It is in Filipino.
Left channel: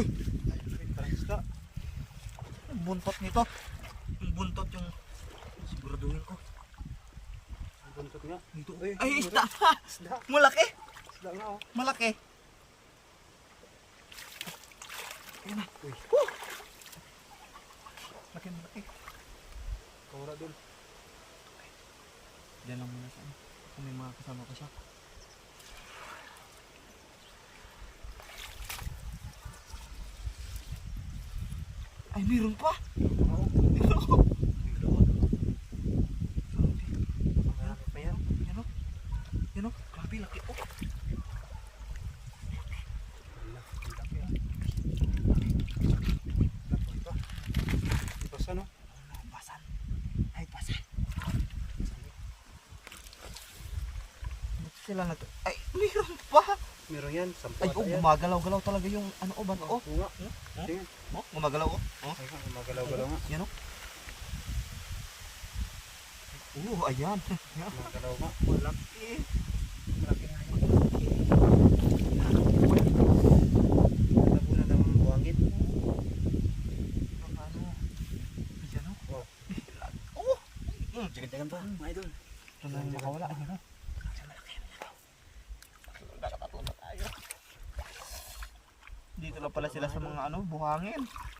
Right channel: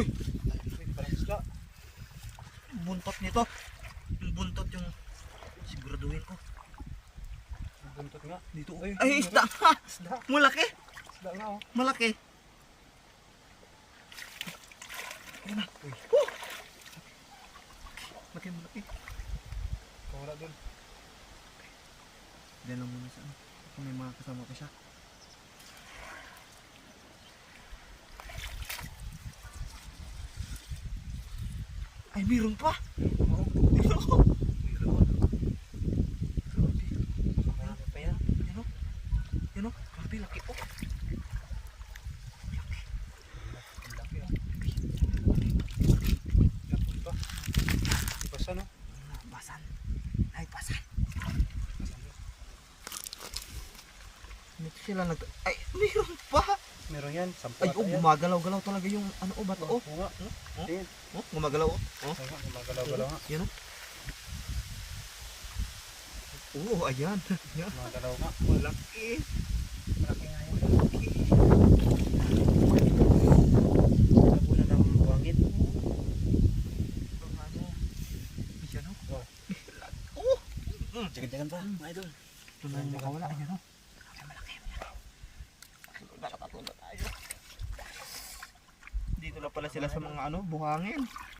Uy! Parang isda. Yung buntot nito. Yung buntot yung siguraduhin ko. Ang buntot nga. Dito. Uy, Ay, isda! Isda. Malaki! Isda nga oh. Malaki! Ayun na. Uy. Woo! Malaki. Wala dun. Diyan lang muna sa ano. Kung may mga kasama ko siya. Ay, meron pa! Oo. Meron! Marami pa yan. Yan o, grabe, laki po. Ang laki ah. Lapon pa. Di ba sa no? Basan. Ay, basan. Dito sila nag... Ay, meron pa! Meron yan. Sampu Ay, ata oh, yan. gumagalaw-galaw talaga yung ano, oh, bato, oh. Oo nga. Oh. Tingin. Oh, gumagalaw, oh. Oh, Oo, gumagalaw-galaw nga. yan, oh. Oh, ayan. Yan. Gumagalaw nga. Malaki. Malaki nga yan. Malaki. Nagulat ang buhangin. Ano? Yan, oh. Oh. Oh. Jagan-jagan pa, mga idol. Ito na yung makawala. Ayan, oh. Malaki. Nakatulog tayo. Dito lang pala sila sa mga ano, buhangin.